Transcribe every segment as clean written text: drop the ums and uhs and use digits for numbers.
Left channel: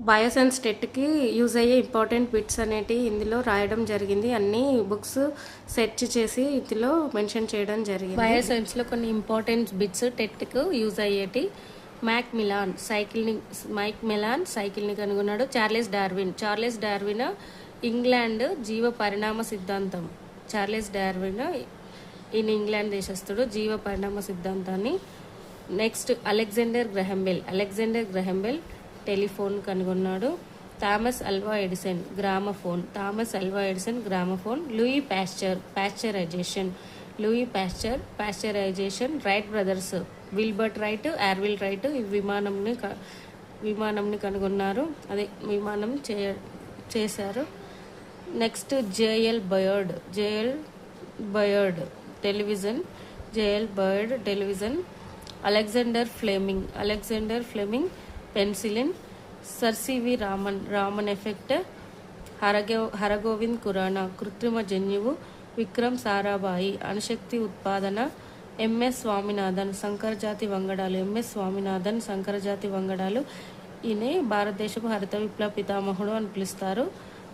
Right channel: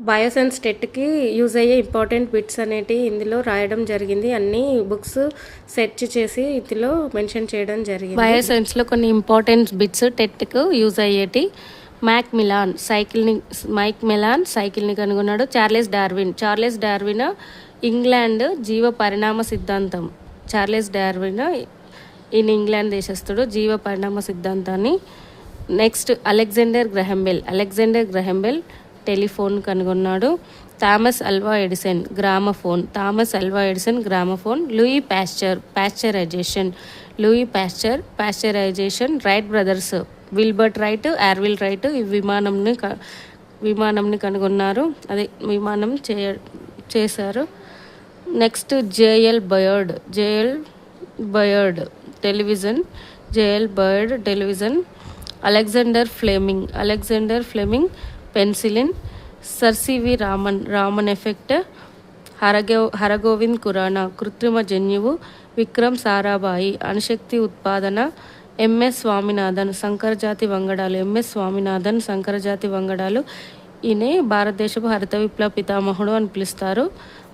Bioscience టెట్కి use అయ్యే important bits అనేటివి ఇందులో రాయడం జరిగింది. అన్ని బుక్స్ సెర్చ్ చేసి ఇందులో మెన్షన్ చేయడం జరిగింది. బయోసైన్స్లో కొన్ని ఇంపార్టెంట్ బిట్స్ టెట్కు యూజ్ అయ్యేటి. మైక్ మెలాన్ సైకిల్ని కనుగొన్నాడు. చార్లెస్ డార్విన్ ఇంగ్లాండ్ జీవ పరిణామ సిద్ధాంతం. చార్లెస్ డార్విన్ ఈయన ఇంగ్లాండ్ దేశస్థుడు. జీవ పరిణామ సిద్ధాంతాన్ని. Next Alexander Graham Bell telephone కనుగొన్నాడు. Thomas Alva Edison gramophone. Pasteurisation. Wright brothers Wilbert Wright, Orville Wright ఈ విమానంని కనుగొన్నారు. అదే విమానం చేశారు. Next JL Baird television. Alexander Fleming penicillin. Sir CV Raman effect. Hargobind Khorana కృత్రిమ జన్యువు. విక్రమ్ సారాభాయి అణుశక్తి ఉత్పాదన. ఎంఎస్ స్వామినాథన్ సంకరజాతి వంగడాలు. ఈయన భారతదేశపు హరిత విప్లవ పితామహుడు అని పిలుస్తారు.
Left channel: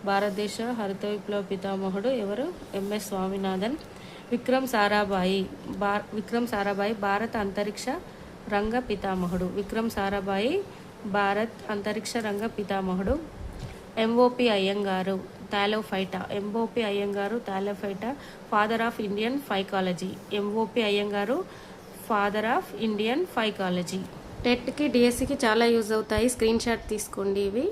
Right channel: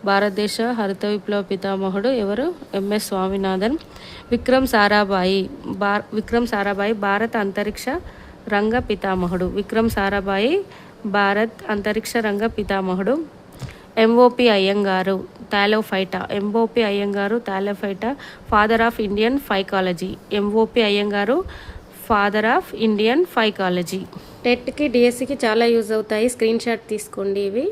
భారతదేశ హరిత విప్లవ పితామహుడు ఎవరు? ఎంఎస్ స్వామినాథన్. విక్రమ్ సారాభాయి భారత అంతరిక్ష రంగ పితామహుడు. MOP Iyengar thallophyta father of Indian phycology. టెట్కి డిఎస్సికి చాలా యూజ్ అవుతాయి. స్క్రీన్ షాట్ తీసుకోండి ఇవి.